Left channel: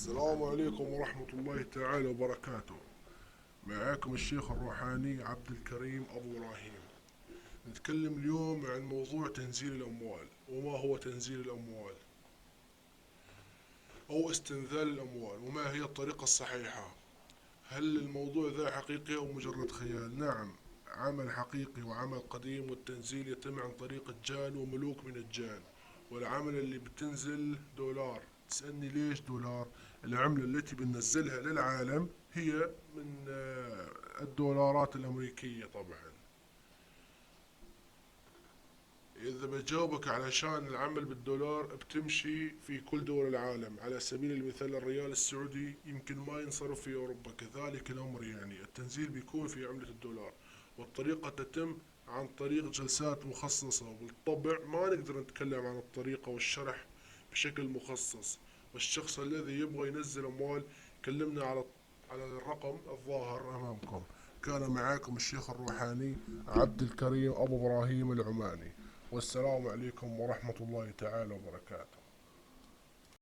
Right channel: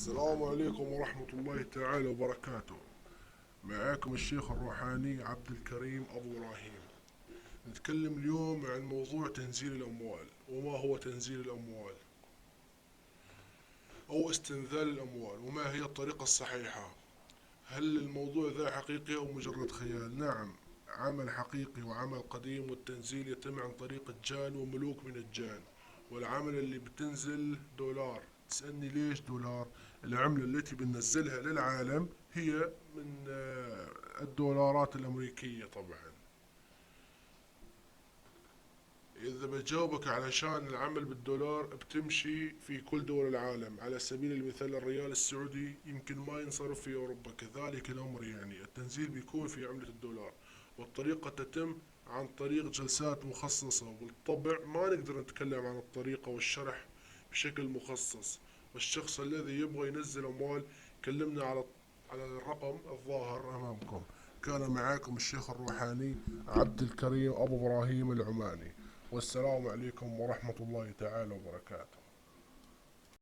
السلام عليكم ورحمة الله تعالى وبركاته. معاكم الشيخ الروحاني عبد الكريم أبو إبراهيم. نتكلم اليوم عن موضوع تنزيل الأموال. وما هو تنزيل الأموال؟ أو استنزال الأموال، وما هي الطريقة الصحيحة؟ هل الموضوع ذا حقيقي أو مجرد خيال؟ نعم، عمل حقيقي وعمل قديم، والتنزيل يتم عن طريق الجان وملوك من الجان. والعملة اللي بتنزل دولار. تسألني ليش دولار؟ العملة التي بننزلها للعالم هي من الدولارات الأمريكية طبعا. إذا بجاوبك علشان العمل بالدولار بتمشي في كل دول العالم. على سبيل المثال الريال السعودي يمكن ما ينصرف في أوروبا، كذلك الأمر يعني التنزيل بيكون في عملة الدولار. والطريقة تتم عن طريق جلسات مخصصة، وبالطبع ما نقدر نتكلم عن الطريقة والشرح بشكل مخصص. والشخص الذي يبغى ينزل أموال كلمنا على الرقم الظاهر أمامكم. كان معاكم الشيخ الروحاني عبد الكريم أبو إبراهيم العماني. والسلام عليكم ورحمة الله تعالى وبركاته.